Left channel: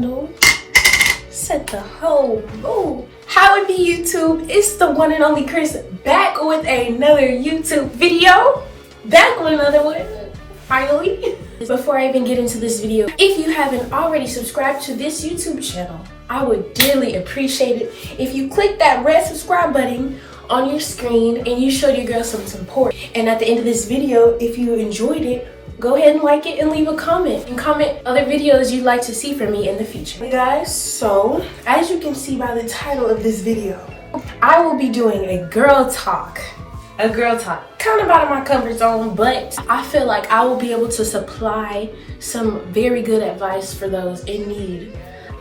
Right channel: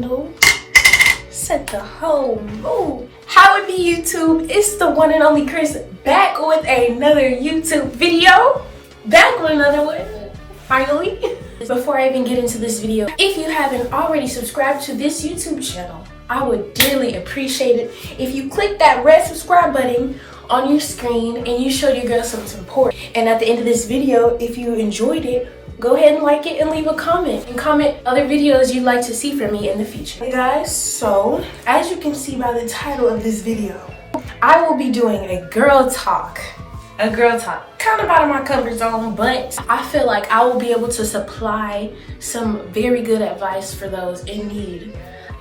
candle. Set the whole mood. How it be, YouTube? It's the one and only Chris back with another YouTube video. Back with another one, finally. Before I even get into this video, if you haven't already subscribed to this YouTube channel, I would dearly appreciate it if you click that red subscribe button on your screen and you show your girl some support. And at the end of this video, if you enjoyed it, go ahead and like it and leave a comment. And comment other videos you'd like to see from me in the future. Hey guys, so as you can see by the title of this video, I will be doing a girl talk. Kind of out of my comfort zone, but I feel like I will be able to supply some very good advice for those in need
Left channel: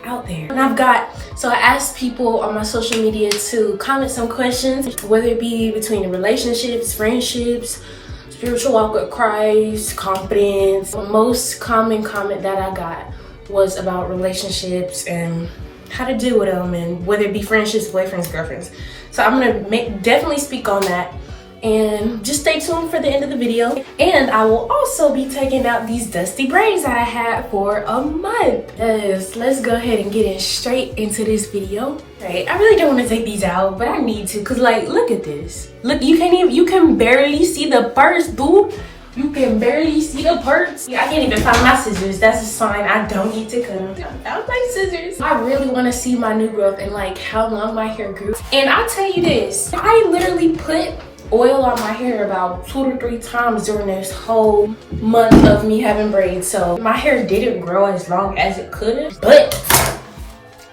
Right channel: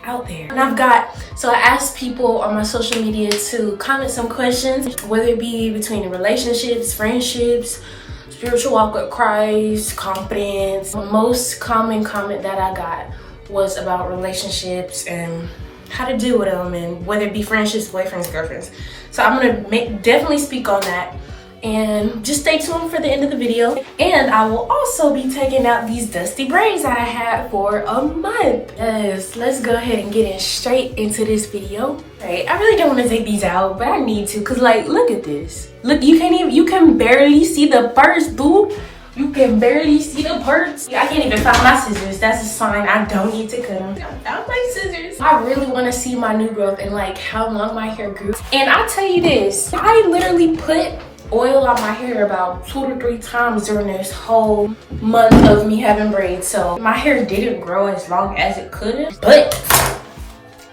out there. And I asked people on my social media to comment some questions, whether it be between relationships, friendships, spiritual walk with Christ, confidence. The most common comment that I got was about relationships and how to deal with them, and whether it be friendships, boyfriends, girlfriends. So I'm gonna definitely speak on that. And just stay tuned for the end of the video. And I will also be taking out these dusty braids that I had for a month. Yes, let's go ahead and get in straight into this video. Right, I really don't want to take these out, but I need to, cause like, look at this. Look, you can barely see the parts, dude. You can barely see the parts. I can't even find my scissors. That's a sign I don't need to cut them. I found my scissors. I really want to see my new growth and like how long my hair grew. And I tell you this, I literally put oil on my hair about 2 to 3 times during this whole month of me having braids. So my hair didn't grow as long as it could have, but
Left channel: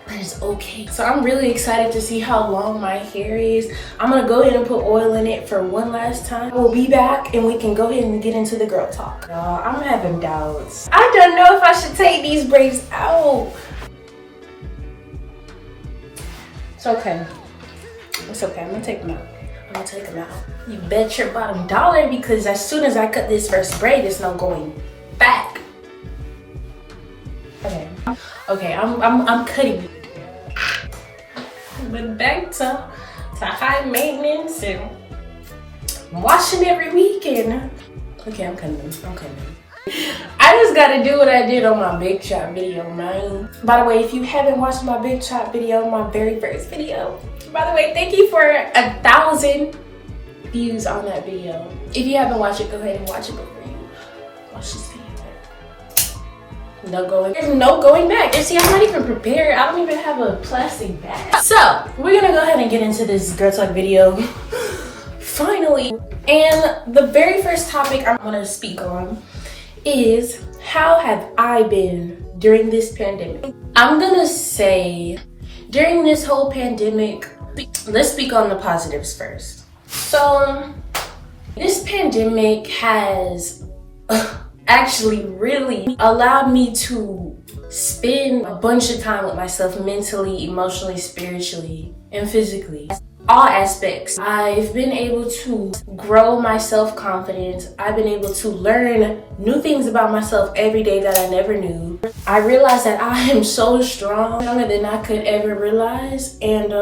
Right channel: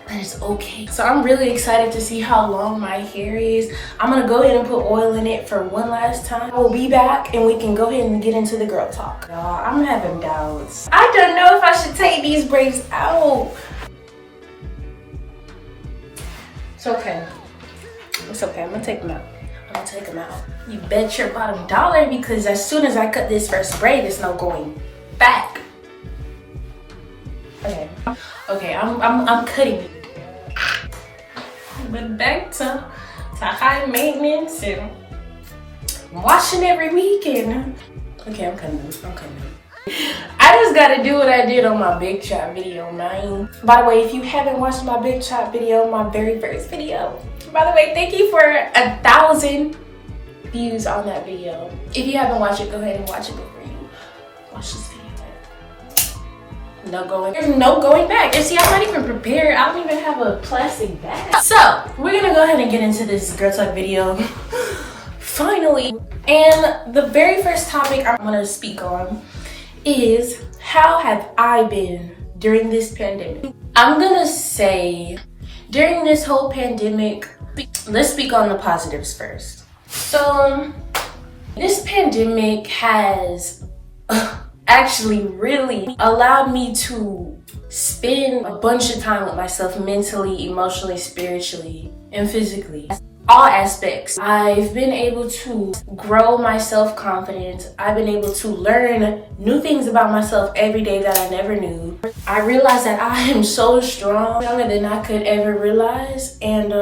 it's okay. So I'm really excited to see how long my hair is. I'm gonna go ahead and put oil in it for one last time. We'll be back and we can go ahead and get into the girl talk. I'm having doubts. I don't know if I should take these braids out. It's okay. It's okay, I'm gonna take them out. Take them out. You bet your bottom dollar, because as soon as I cut this first braid, there's no going back. Okay, I'm cutting it. But back to high maintenance and washing every weekend. Okay, I'm cutting them. I just gotta do what I did on my big shot video, man. By the way, if you haven't watched my big shot video, my very first video, by the way, thank you for 1,000 views on that video. If you haven't watched it, go ahead and watch it before you watch this video. There's no going back. You see, I'm not even prepared. I don't even have a plastic bag. So we're gonna go ahead and get into this girl talk video. Finally. And the very first topic I'm gonna speak on is, how have I been during this pandemic? I'm gonna say, during this whole pandemic, let's speak on the positives first. So this pandemic has actually really allowed me to spend a bunch of time with myself, mentally, emotionally, spiritually, and physically. All aspects. I've been able to grow my self-confidence. I've been able to learn new things about myself every day that I never knew. I realized that I am so strong, stronger than I could ever realize, and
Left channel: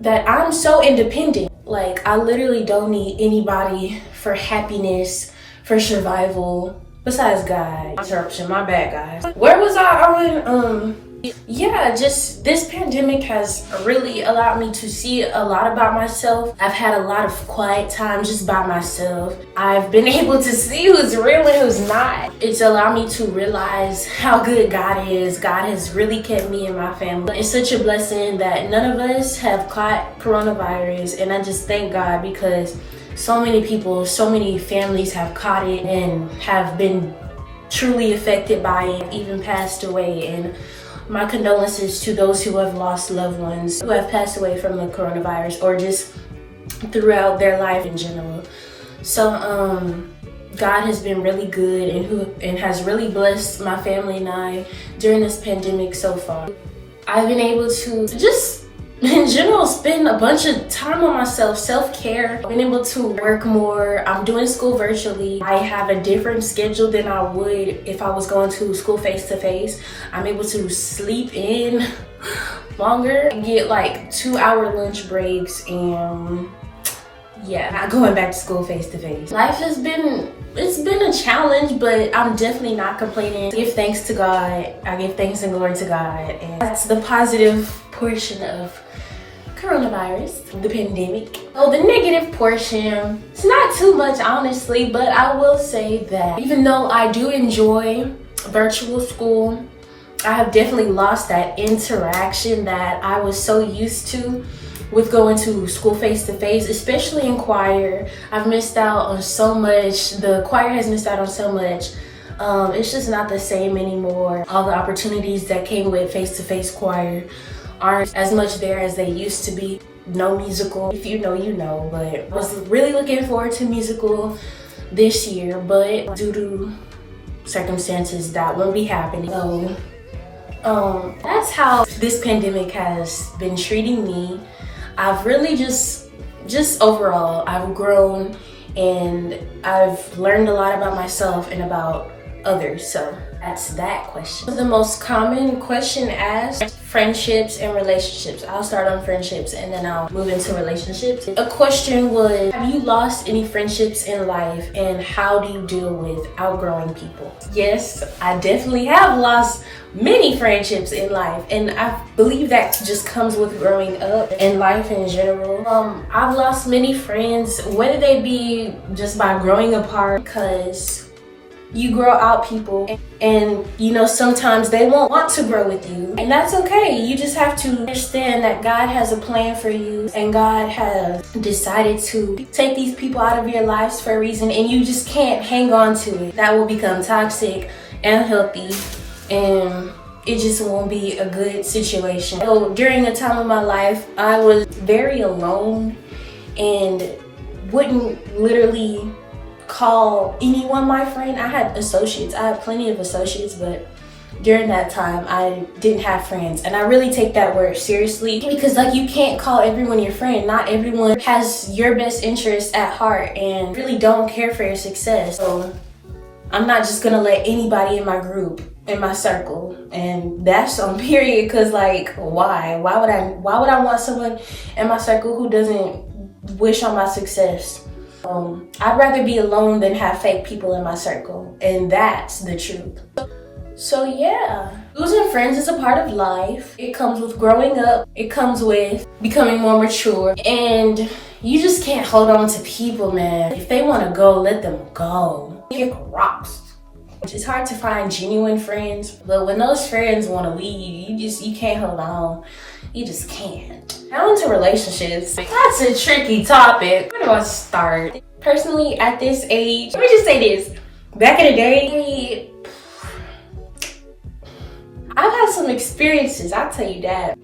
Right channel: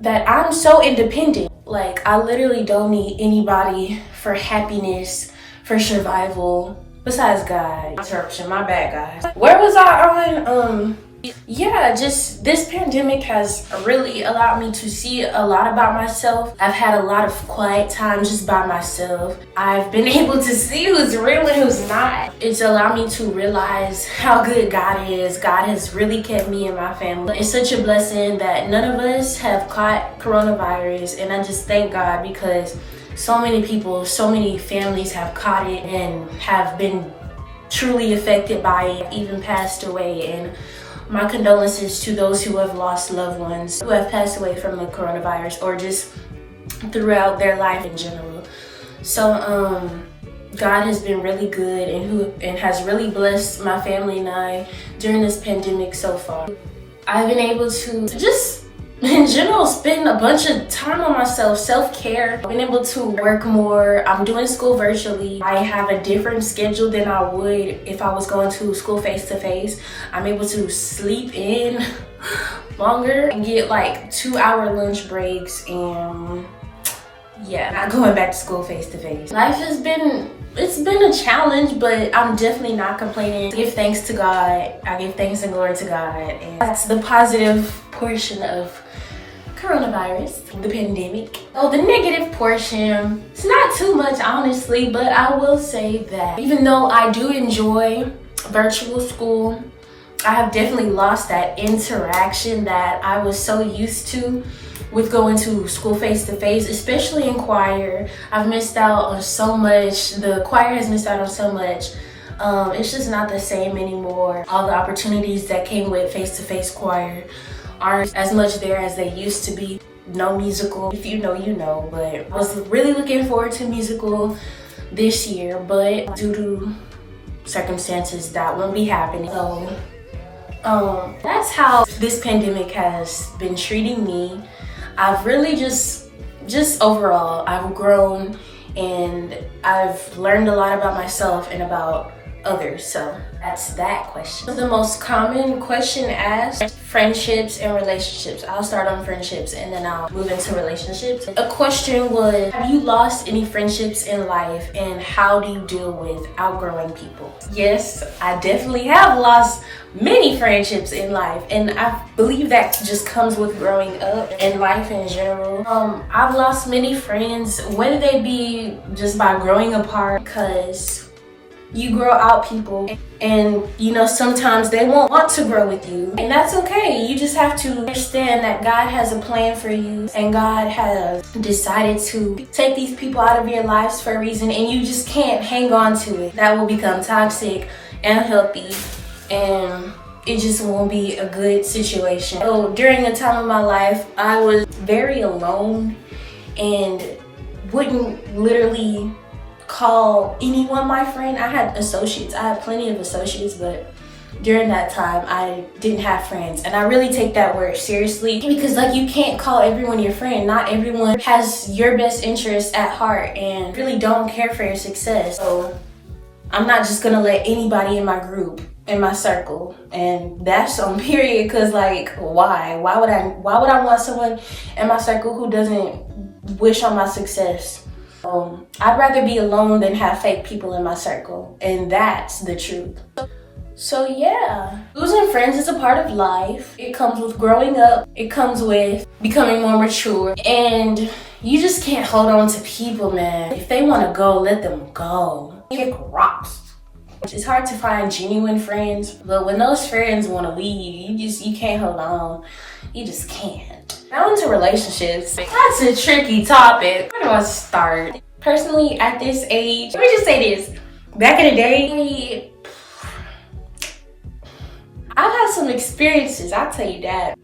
that I'm so independent. Like, I literally don't need anybody for happiness, for survival, besides God. Interruption, my bad, guys. Where was I on? Yeah, just this pandemic has really allowed me to see a lot about myself. I've had a lot of quiet time just by myself. I've been able to see who's real and who's not. It's allowed me to realize how good God is. God has really kept me and my family. It's such a blessing that none of us have caught coronavirus, and I just thank God, because so many people, so many families have caught it and have been truly affected by it, even passed away. And my condolences to those who have lost loved ones, who have passed away from the coronavirus, or just throughout their life in general. So God has been really good and has really blessed my family and I during this pandemic so far. I've been able to just, in general, spend a bunch of time on myself, self-care. I've been able to work more. I'm doing school virtually. I have a different schedule than I would if I was going to school face-to-face. I'm able to sleep in longer, get like 2-hour lunch breaks, and yeah, not going back to school face to face. Life has been, it's been a challenge, but I'm definitely not complaining. I give thanks to God. I give thanks and glory to God. And that's the positive portion of coronavirus, the pandemic. Oh, the negative portion, it's not too much, honestly, but I will say that even though I do enjoy virtual school, I have definitely lost that interaction that I was so used to with going to school face to face, especially in choir. I've missed out on so much. The choir has missed out on so much. It's just not the same anymore. All the opportunities that came with face to face choir aren't as much there as they used to be. No musical, if you know, you know, but I was really looking forward to musical this year, but due to circumstances that won't be happening. So that's how this pandemic has been treating me. I've really just overall, I've grown and I've learned a lot about myself and about others. So that's that question. The most common question asked, friendships and relationships. I'll start on friendships and then I'll move into relationships. A question was, have you lost any friendships in life and how do you deal with outgrowing people? Yes, I definitely have lost many friendships in life, and I believe that just comes with growing up and life in general. I've lost many friends, whether they be just by growing apart, because you grow out people and you know sometimes they won't want to grow with you, and that's okay. You just have to understand that God has a plan for you and God has decided to take these people out of your lives for a reason, and you just can't hang on to it. That will become toxic and unhealthy, and it just won't be a good situation. So during a time of my life, I was very alone and wouldn't literally call anyone my friend. I had associates. I had plenty of associates, but during that time, I didn't have friends. And I really take that word seriously because like you can't call everyone your friend. Not everyone has your best interests at heart and really don't care for your success. So I'm not just gonna let anybody in my group, in my circle, and that's on period, because like why would I want someone in my circle who doesn't wish on my success? I'd rather be alone than have fake people in my circle, and that's the truth. So yeah, losing friends is a part of life. It comes with growing up, it comes with becoming more mature, and you just can't hold on to people, man. If they want to go, let them go. Kick rocks. It's hard to find genuine friends, but when those friends want to leave, you can't hold on. You just can't. Now into relationships. That's a tricky topic. Where do I start? Personally, at this age, let me just say this. Back in the day, I've had some experiences, I'll tell you that.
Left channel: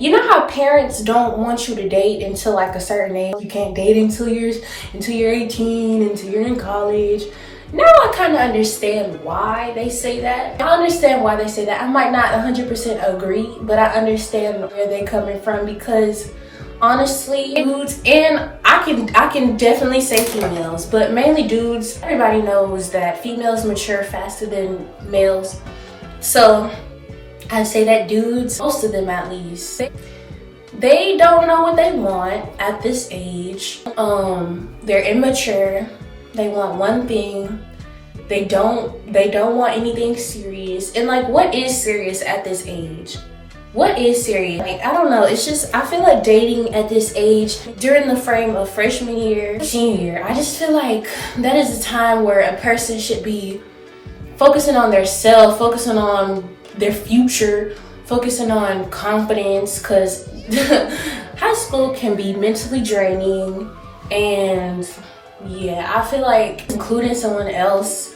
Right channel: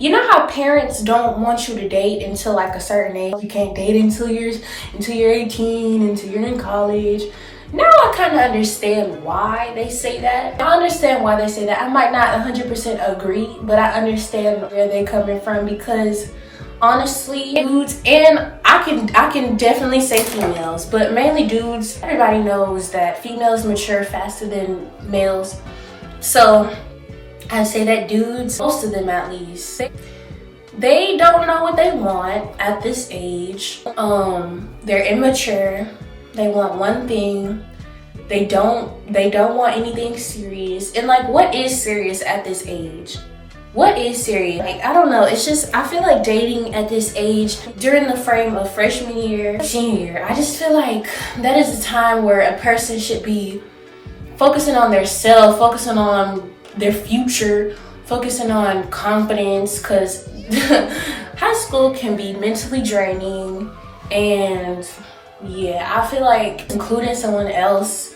You know how parents don't want you to date until like a certain age? You can't date until you're 18, until you're in college. Now I kind of understand why they say that. I understand why they say that. I might not 100% agree, but I understand where they're coming from, because honestly, dudes, and I can definitely say females, but mainly dudes, everybody knows that females mature faster than males. So I'd say that dudes, most of them at least, they don't know what they want at this age. They're immature. They want one thing. They don't want anything serious. And like, what is serious at this age? What is serious? Like, I don't know. It's just, I feel like dating at this age, during the frame of freshman year, senior year, I just feel like that is a time where a person should be focusing on their self, focusing on their future, focusing on confidence, because high school can be mentally draining. And yeah, I feel like including someone else,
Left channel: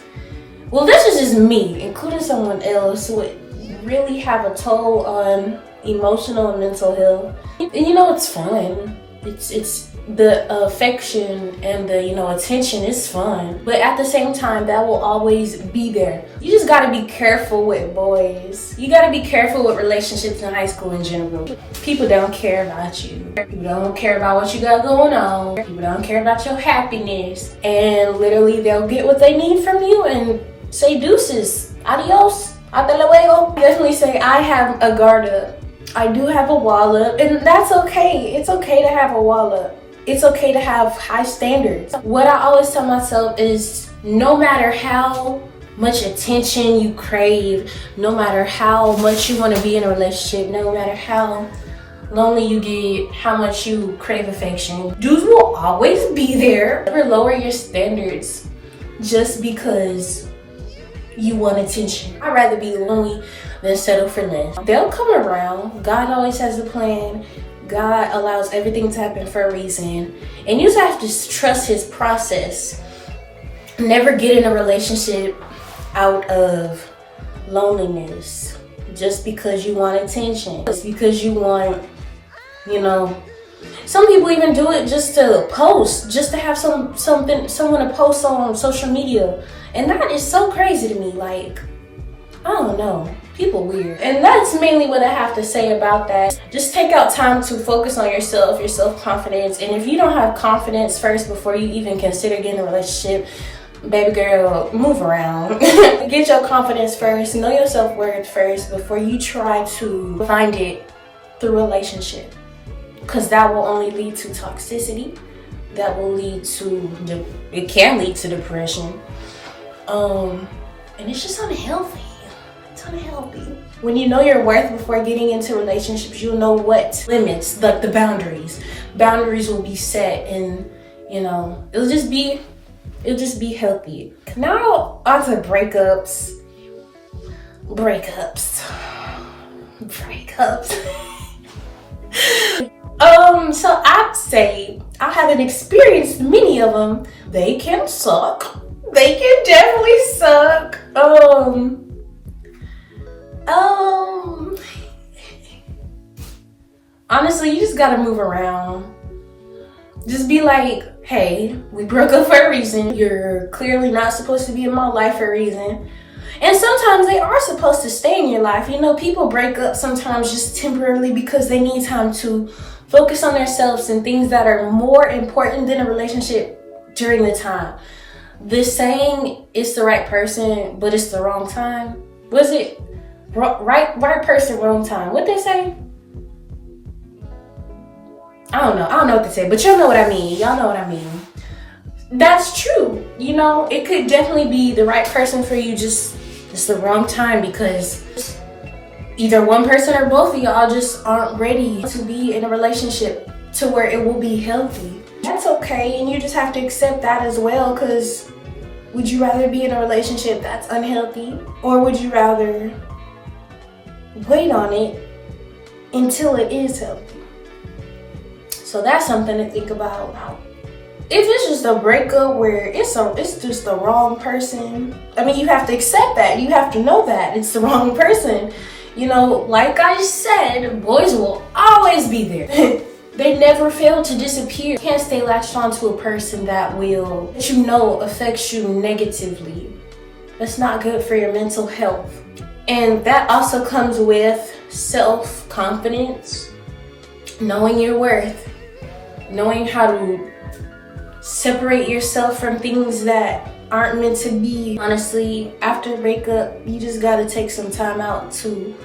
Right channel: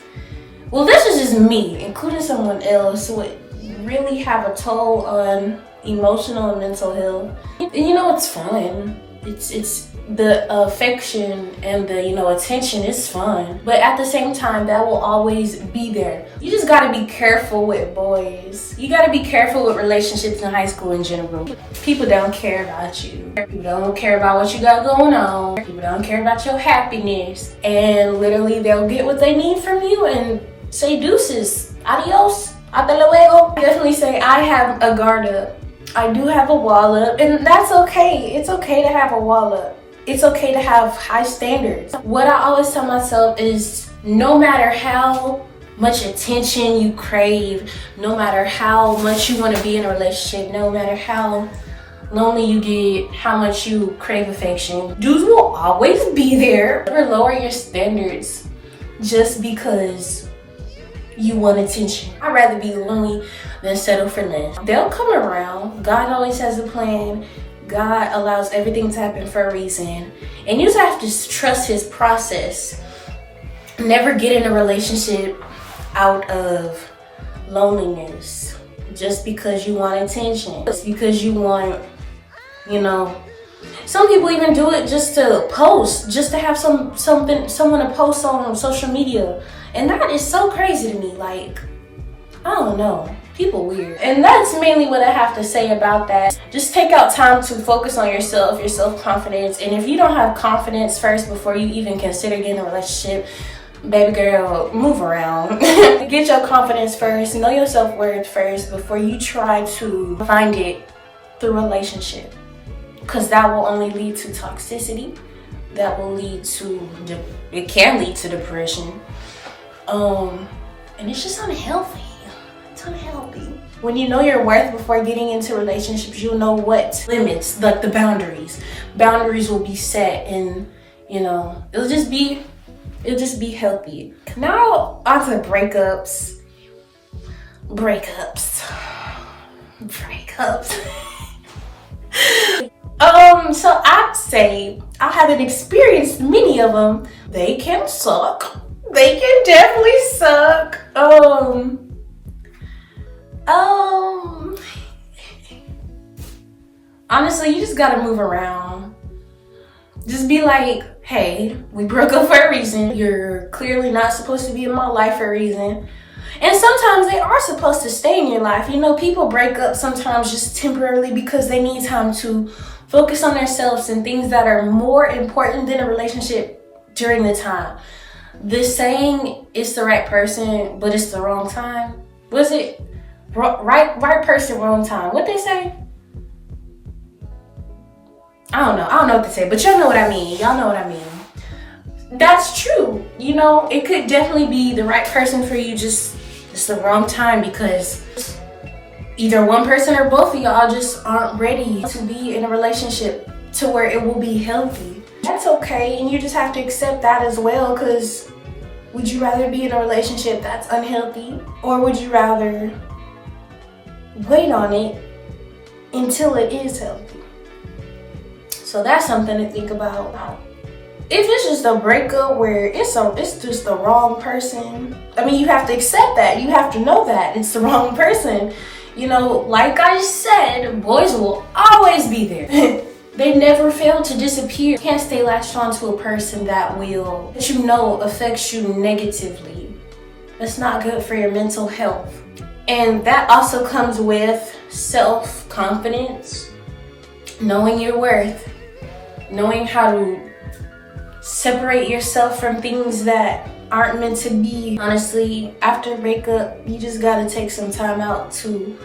well, this is just me, including someone else would really have a toll on emotional and mental health. And you know, it's fun. It's the affection and the, you know, attention is fun, but at the same time, that will always be there. You just gotta be careful with boys. You gotta be careful with relationships in high school in general. People don't care about you. People don't care about what you got going on. People don't care about your happiness. And literally, they'll get what they need from you and say deuces, adios, hasta luego. Definitely say I have a guard up. I do have a wall up, and that's okay. It's okay to have a wall up. It's okay to have high standards. What I always tell myself is no matter how much attention you crave, no matter how much you want to be in a relationship, no matter how lonely you get, how much you crave affection, dudes will always be there. Never lower your standards just because you want attention. I'd rather be lonely than settle for less. They'll come around. God always has a plan. God allows everything to happen for a reason. And you just have to trust his process. Never get in a relationship out of loneliness just because you want attention, just because you want, some people even do it just to post, just to have someone to post on social media. And that is so crazy to me. Like, I don't know, people weird. And that's mainly what I have to say about that. Just take out time to focus on yourself, your self-confidence. And if you don't have confidence first before you even consider getting a relationship, baby girl, move around. Get your confidence first, know your self-worth first before you try to find it through relationship. Because that will only lead to toxicity. That will lead to, it can lead to depression. And it's just unhealthy. It's unhealthy. When you know your worth before getting into relationships, you'll know what limits, like the boundaries. Boundaries will be set, and it'll just be healthy. Now onto breakups. So I'd say I haven't experienced many of them. They can suck. They can definitely suck. Honestly, you just gotta move around. Just be like, hey, we broke up for a reason. You're clearly not supposed to be in my life for a reason. And sometimes they are supposed to stay in your life. People break up sometimes just temporarily because they need time to focus on themselves and things that are more important than a relationship during the time. The saying, it's the right person, but it's the wrong time. Was it right person, wrong time? What they say? I don't know what to say, but y'all know what I mean. Y'all know what I mean. That's true. It could definitely be the right person for you, just it's the wrong time because either one person or both of y'all just aren't ready to be in a relationship to where it will be healthy. That's okay, and you just have to accept that as well, because would you rather be in a relationship that's unhealthy, or would you rather wait on it until it is healthy? So that's something to think about. If it's just a breakup where it's just the wrong person, you have to accept that. You have to know that it's the wrong person. Like I said, boys will always be there. They never fail to disappear. You can't stay latched onto a person that affects you negatively. That's not good for your mental health. And that also comes with self-confidence, knowing your worth, knowing how to separate yourself from things that aren't meant to be. Honestly, after a breakup, you just gotta take some time out to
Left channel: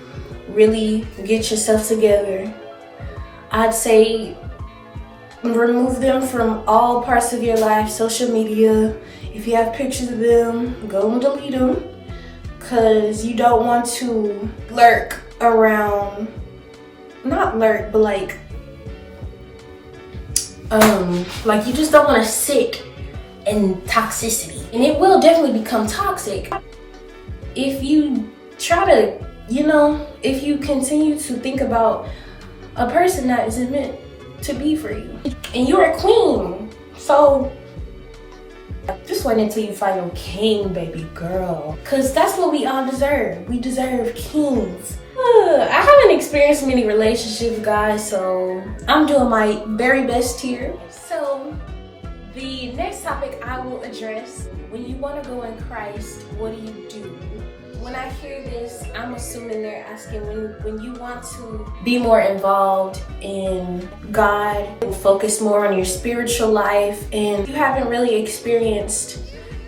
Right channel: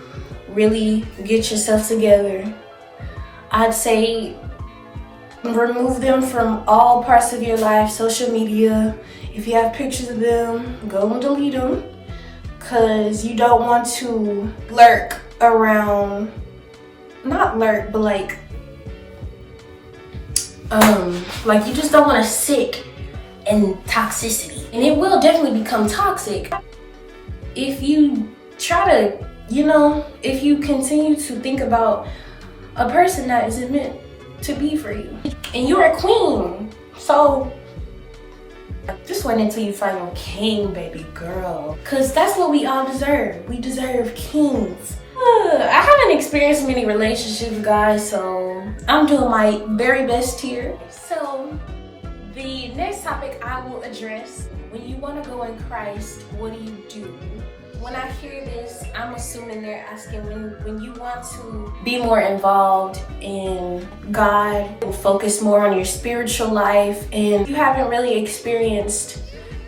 really get yourself together. I'd say remove them from all parts of your life. Social media, if you have pictures of them, go and delete them, because you don't want to lurk around, not lurk, but like you just don't want to sit in toxicity, and it will definitely become toxic if you try to, if you continue to think about a person that isn't meant to be for you. And you're a queen, so just wait until you find your king, baby girl, because that's what we all deserve. We deserve kings. I haven't experienced many relationships, guys, so I'm doing my very best here. So the next topic I will address: when you want to go in Christ, what do you do? When I hear this, I'm assuming they're asking when you want to be more involved in God, focus more on your spiritual life, and you haven't really experienced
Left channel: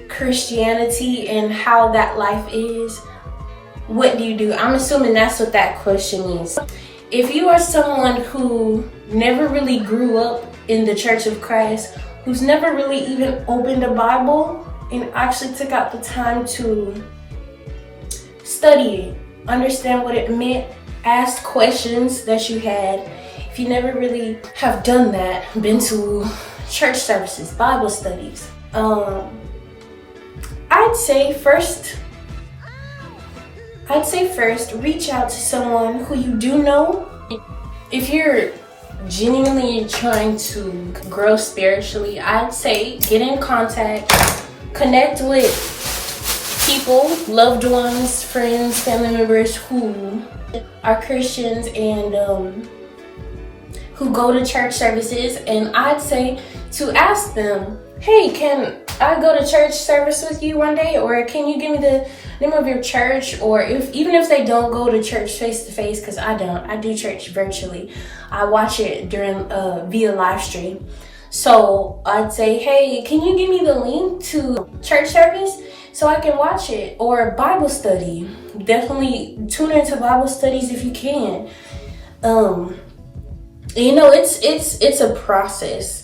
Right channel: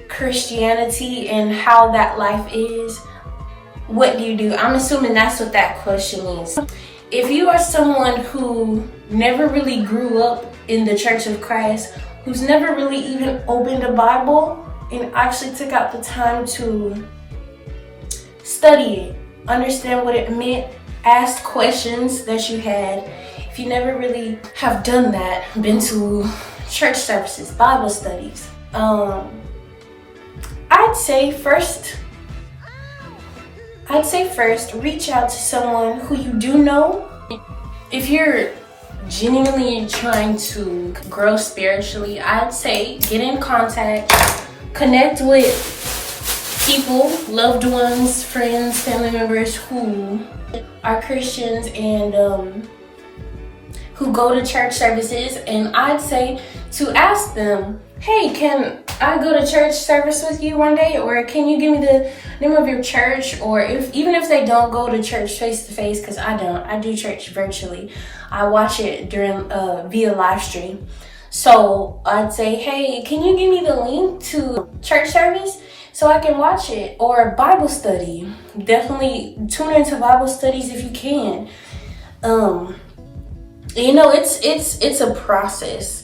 Christianity and how that life is, what do you do? I'm assuming that's what that question means. if you are someone who never really grew up in the Church of Christ, who's never really even opened a Bible and actually took out the time to study it, understand what it meant, ask questions that you had, if you never really have done that, been to church services, Bible studies, I'd say first, reach out to someone who you do know. If you're genuinely trying to grow spiritually, I'd say get in contact, connect with people, loved ones, friends, family members who are Christians and who go to church services, and I'd say to ask them, hey, can I go to church service with you one day, or can you give me the name of your church? Or even if they don't go to church face to face, because I do church virtually. I watch it during via live stream. So I'd say, hey, can you give me the link to church service so I can watch it? Or Bible study. Definitely tune into Bible studies if you can. You know, it's a process.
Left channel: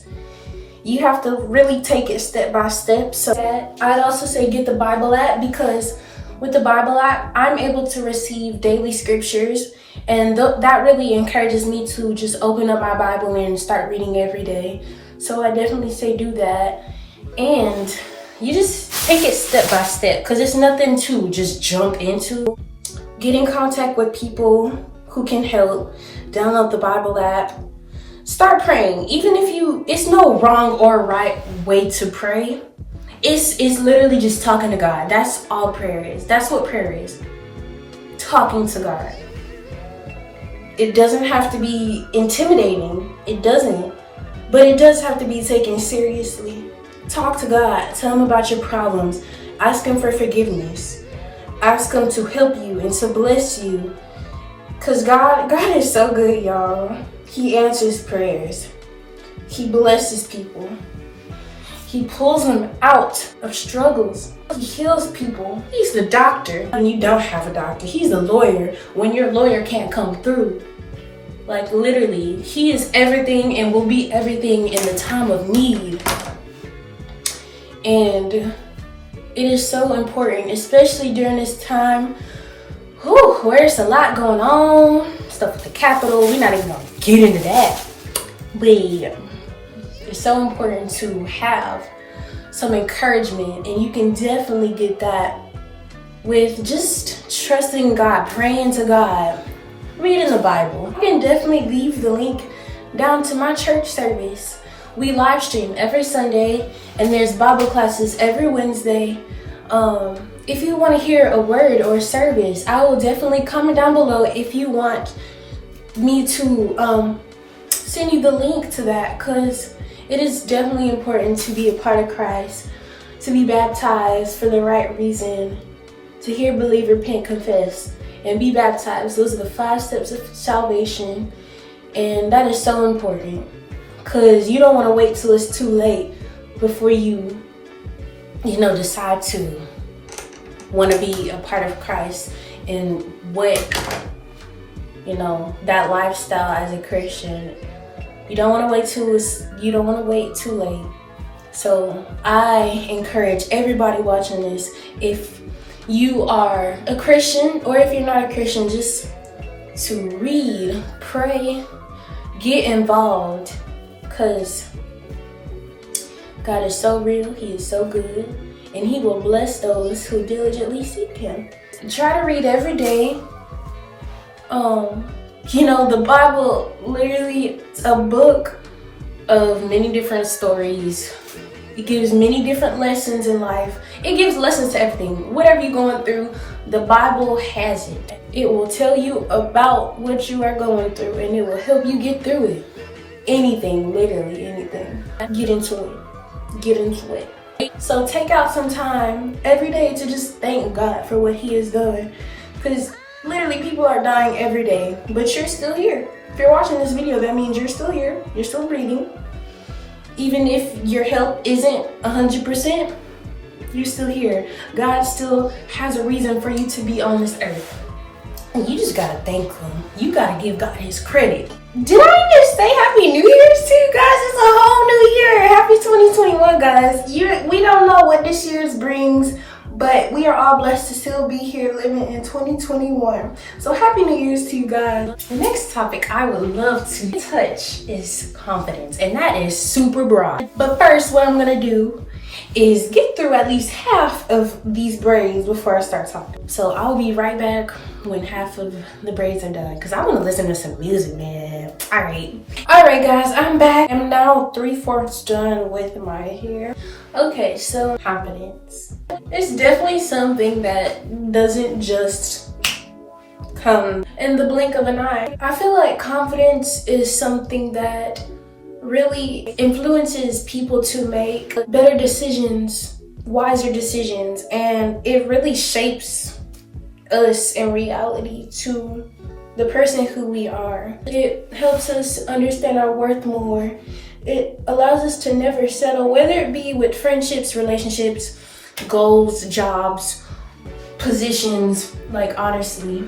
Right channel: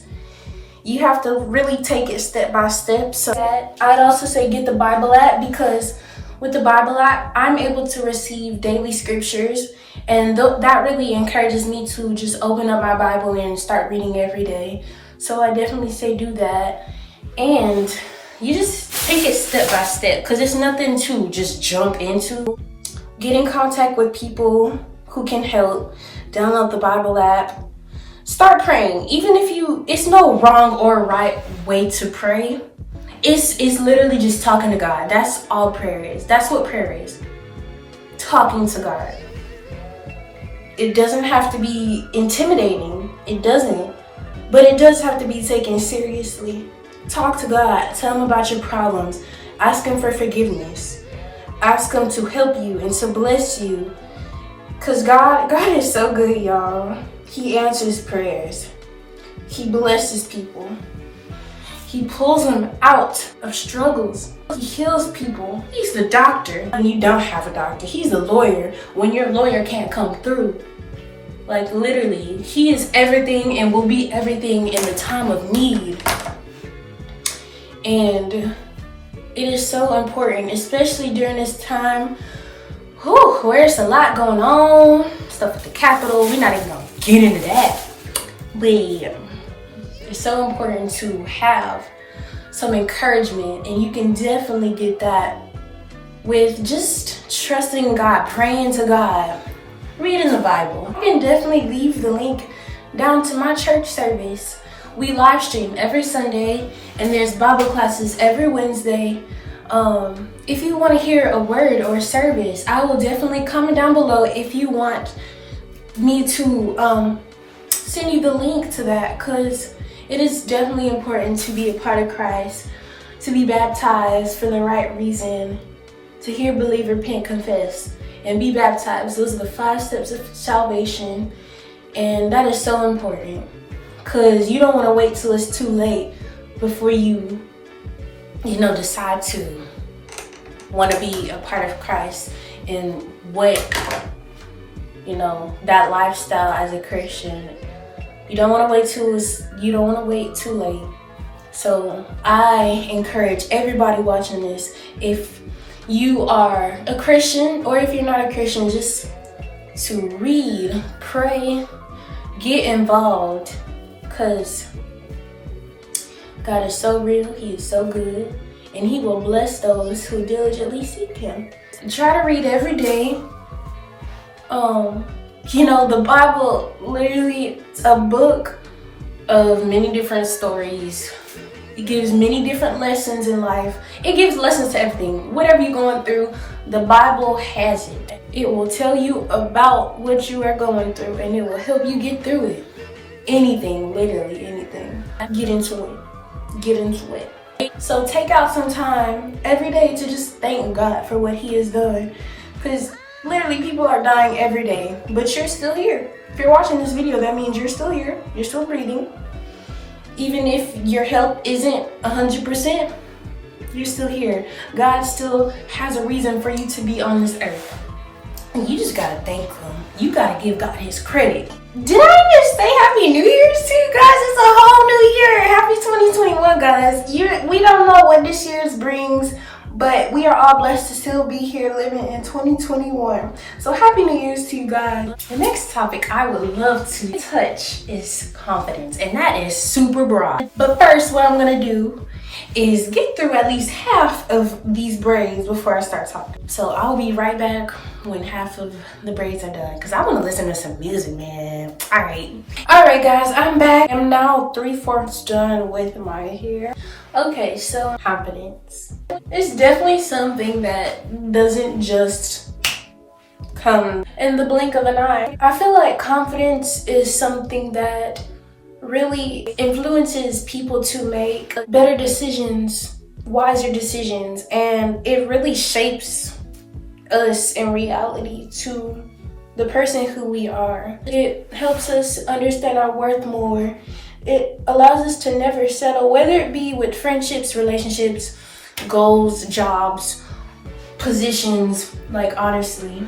You have to really take it step by step. So I'd also say get the Bible app, because with the Bible app, I'm able to receive daily scriptures, and that really encourages me to just open up my Bible and start reading every day. So I definitely say do that, and you just take it step by step, because it's nothing to just jump into. Get in contact with people who can help. Download the Bible app. Start praying. Even if it's no wrong or right way to pray. It's literally just talking to God. That's all prayer is. That's what prayer is. Talking to God. It doesn't have to be intimidating. It doesn't. But it does have to be taken seriously. Talk to God. Tell him about your problems. Ask him for forgiveness. Ask him to help you and to bless you. Because God is so good, y'all. He answers prayers. He blesses people. He pulls them out of struggles. He heals people. He's the doctor when you don't have a doctor. He's the lawyer when your lawyer can't come through. Like literally, he is everything and will be everything in the time of need. And it is so important, especially during this time where there's a lot going on, stuff at the Capitol. We're not even gonna get into that. But it's so important to have some encouragement, and you can definitely get that with just trusting God, praying to God, reading the Bible. You can definitely leave the link down to my church service. We live stream every Sunday, and there's Bible classes every Wednesday. If you want to hear a word or a service, I will definitely comment down below if you want me to send you the link to that, because it is definitely important to be a part of Christ, to be baptized for the right reason, to hear, believe, repent, confess, and be baptized. Those are the 5 steps of salvation, and that is so important, because you don't want to wait till it's too late before you decide to want to be a part of Christ and what, that lifestyle as a Christian. You don't want to wait too late. So I encourage everybody watching this, if you are a Christian or if you're not a Christian, just to read, pray, get involved, because God is so real, he is so good, and he will bless those who diligently seek him. Try to read every day. The Bible literally is a book of many different stories. It gives many different lessons in life. It gives lessons to everything. Whatever you're going through, the Bible has it. It will tell you about what you are going through, and it will help you get through it. Anything, literally anything. Get into it. So take out some time every day to just thank God for what he has done. Because literally people are dying every day, but you're still here. If you're watching this video, that means you're still here. You're still breathing. Even if your health isn't 100%, you're still here. God still has a reason for you to be on this earth. You just gotta thank him. You gotta give God his credit. Did I even say Happy New Year's to you guys? It's a whole new year. Happy 2021, guys. We don't know what this year's brings, but we are all blessed to still be here living in 2021. So Happy New Year's to you guys. The next topic I would love to touch is confidence, and that is super broad. But first, what I'm gonna do is get through at least half of these braids before I start talking. So I'll be right back when half of the braids are done, because I want to listen to some music, man. All right guys, I'm back. I'm now 3/4 done with my hair. Okay, so confidence. It's definitely something that doesn't just come in the blink of an eye. I feel like confidence is something that really influences people to make better decisions, wiser decisions, and it really shapes us in reality to the person who we are. It helps us understand our worth more. It allows us to never settle, whether it be with friendships, relationships, goals, jobs, positions. Like, honestly,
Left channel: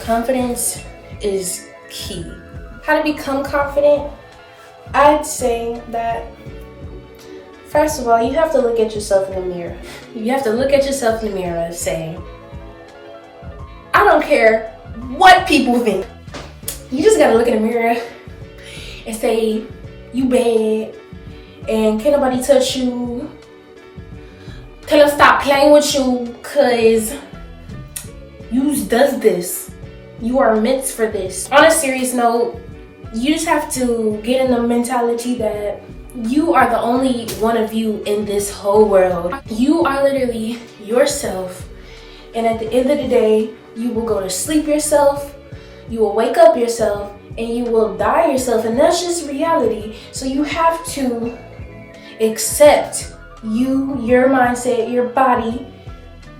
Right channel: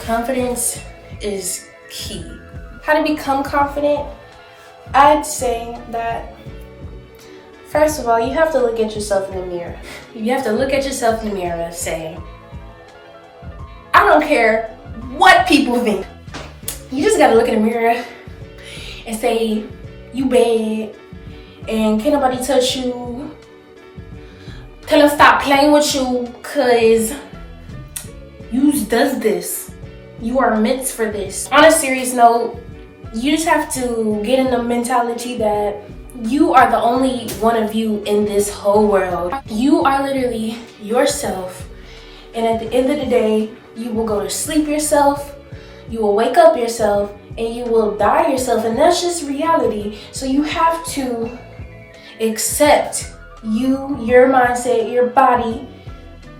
confidence is key. How to become confident? I'd say that, first of all, you have to look at yourself in the mirror. You have to look at yourself in the mirror and say, I don't care what people think. You just gotta look in the mirror and say, you bad, and can't nobody touch you. Tell them stop playing with you, cause you does this. You are meant for this. On a serious note, you just have to get in the mentality that you are the only one of you in this whole world. You are literally yourself, and at the end of the day, you will go to sleep yourself, you will wake up yourself, and you will die yourself, and that's just reality. So you have to accept you, your mindset, your body,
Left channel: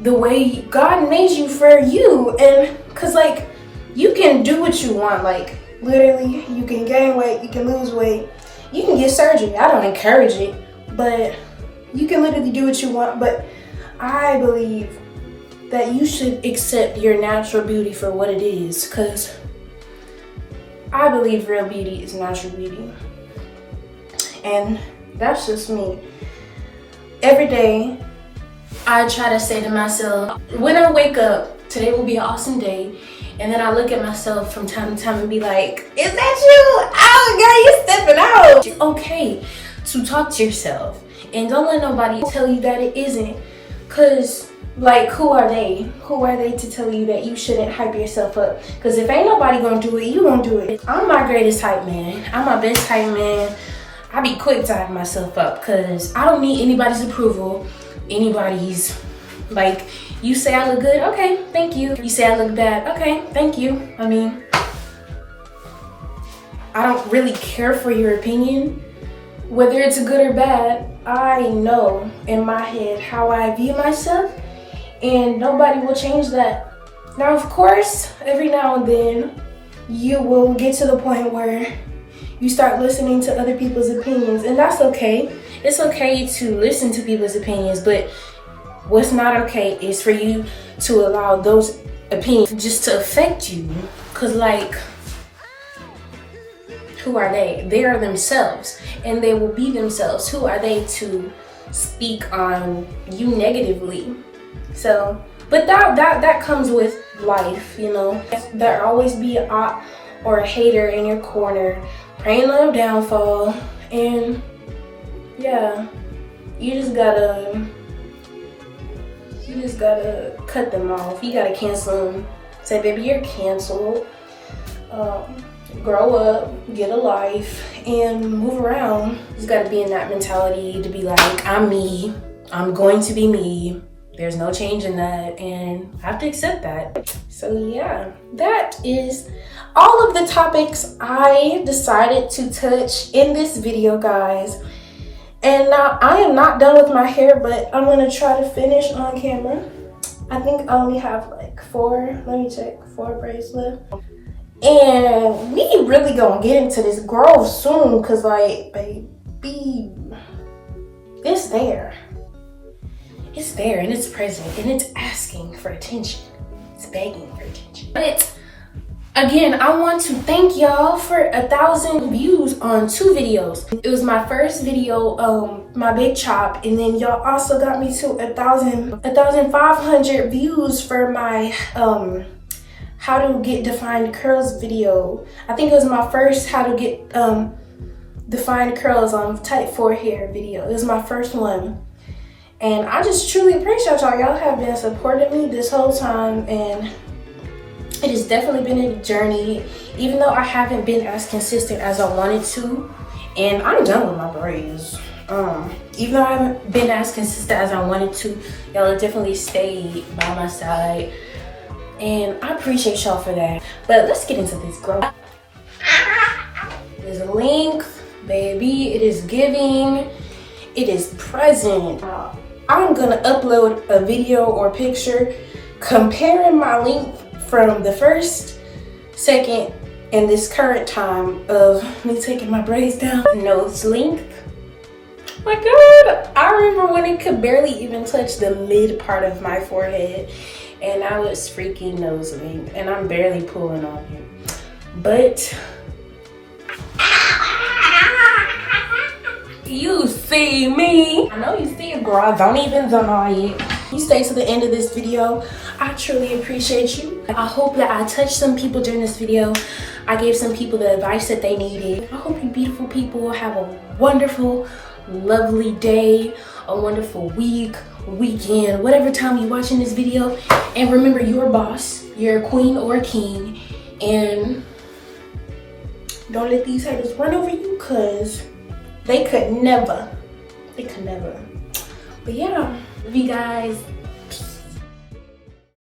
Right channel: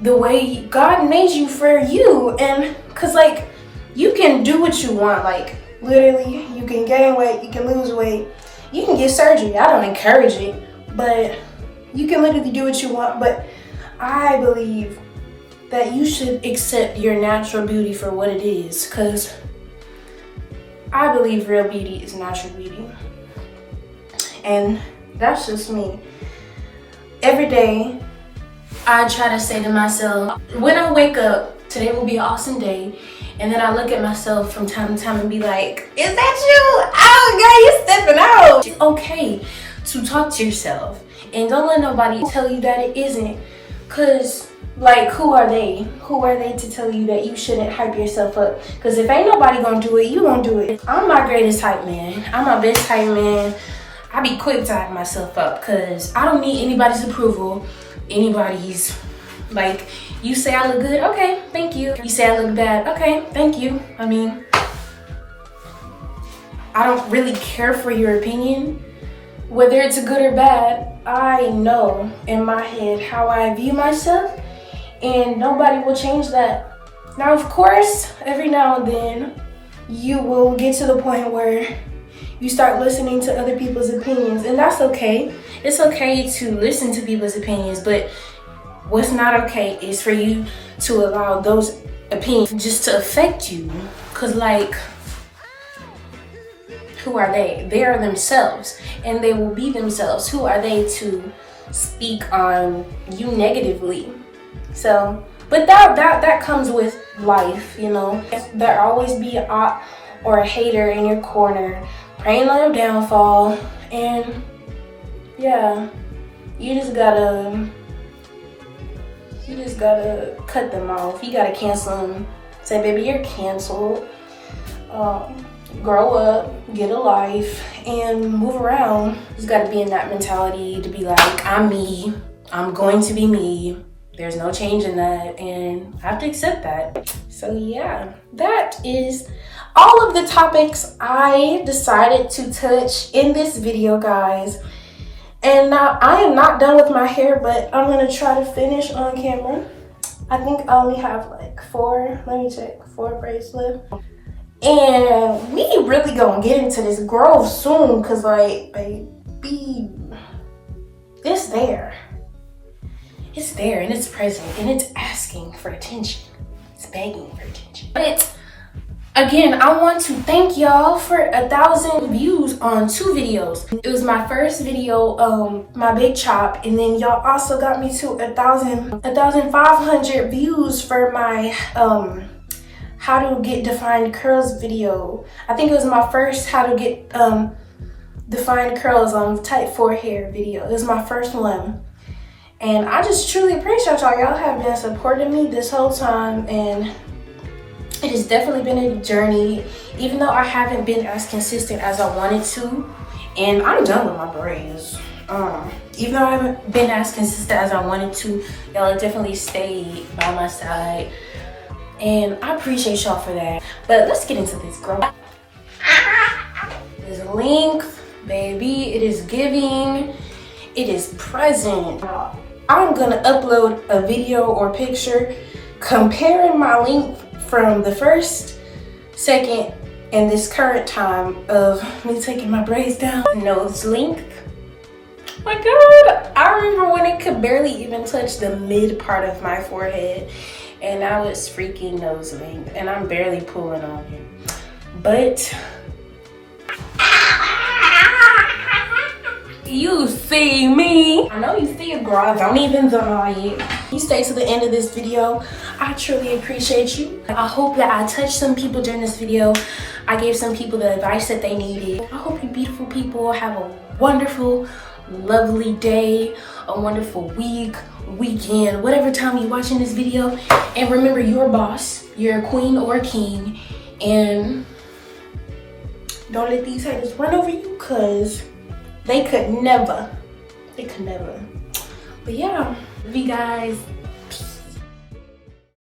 the way God made you for you. And cause like, you can do what you want. Like, literally, you can gain weight, you can lose weight, you can get surgery. I don't encourage it, but you can literally do what you want. But I believe that you should accept your natural beauty for what it is, because I believe real beauty is natural beauty. And that's just me. Every day, I try to say to myself, when I wake up, today will be an awesome day. And then I look at myself from time to time and be like, is that you? Oh, girl, you stepping out. It's okay to talk to yourself. And don't let nobody tell you that it isn't. Because, like, who are they? Who are they to tell you that you shouldn't hype yourself up? Because if ain't nobody gonna do it, you gonna do it. I'm my greatest hype man. I'm my best hype man. I be quick to hype myself up because I don't need anybody's approval. Anybody's, like, you say I look good, okay, thank you. You say I look bad, okay, thank you. I mean, I don't really care for your opinion. Whether it's good or bad, I know in my head how I view myself, and nobody will change that. Now, of course, every now and then, you will get to the point where you start listening to other people's opinions, and that's okay. It's okay to listen to people's opinions, but what's not okay is for you to allow those opinions just to affect you. Cause like, who are they? They are themselves, and they will be themselves. Who are they to speak on you negatively? So, but that comes with life, you know. There'll always be an op or a hater in your corner, praying on your downfall, and yeah, you just gotta cut them off. You gotta cancel them. Say, baby, you're canceled. Grow up, get a life, and move around. You just gotta be in that mentality to be like, I'm me. I'm going to be me. There's no change in that, and I have to accept that. So yeah, that is all of the topics I decided to touch in this video, guys. And now I am not done with my hair, but I'm gonna try to finish on camera. I think I only have like 4 braids left. And we really gonna get into this growth soon, cause like, baby, it's there. It's there and it's present and it's asking for attention. begging for attention. But again, I want to thank y'all for 1,000 views on 2 videos. It was my first video, my big chop, and then y'all also got me to 1,500 views for my how to get defined curls video. I think it was my first how to get defined curls on type 4 hair video. It was my first one. And I just truly appreciate y'all. Y'all have been supporting me this whole time, and it has definitely been a journey, even though I haven't been as consistent as I wanted to. And I'm done with my braids. Even though I haven't been as consistent as I wanted to, y'all have definitely stayed by my side. And I appreciate y'all for that. But let's get into this growth. This length, baby, it is giving, it is present. I'm gonna upload a video or picture comparing my length from the first, second, and this current time of me taking my braids down. Nose length. Oh my God, I remember when it could barely even touch the mid part of my forehead, and now it's freaking nose length, and I'm barely pulling on it. But you see me. I know you see it, girl. Don't even deny it. You stay to the end of this video. I truly appreciate you. I hope that I touched some people during this video. I gave some people the advice that they needed. I hope you beautiful people have a wonderful, lovely day, a wonderful week, weekend, whatever time you're watching this video. And remember, you're a boss. You're a queen or a king. And don't let these haters run over you, because they could never. But yeah, love you guys.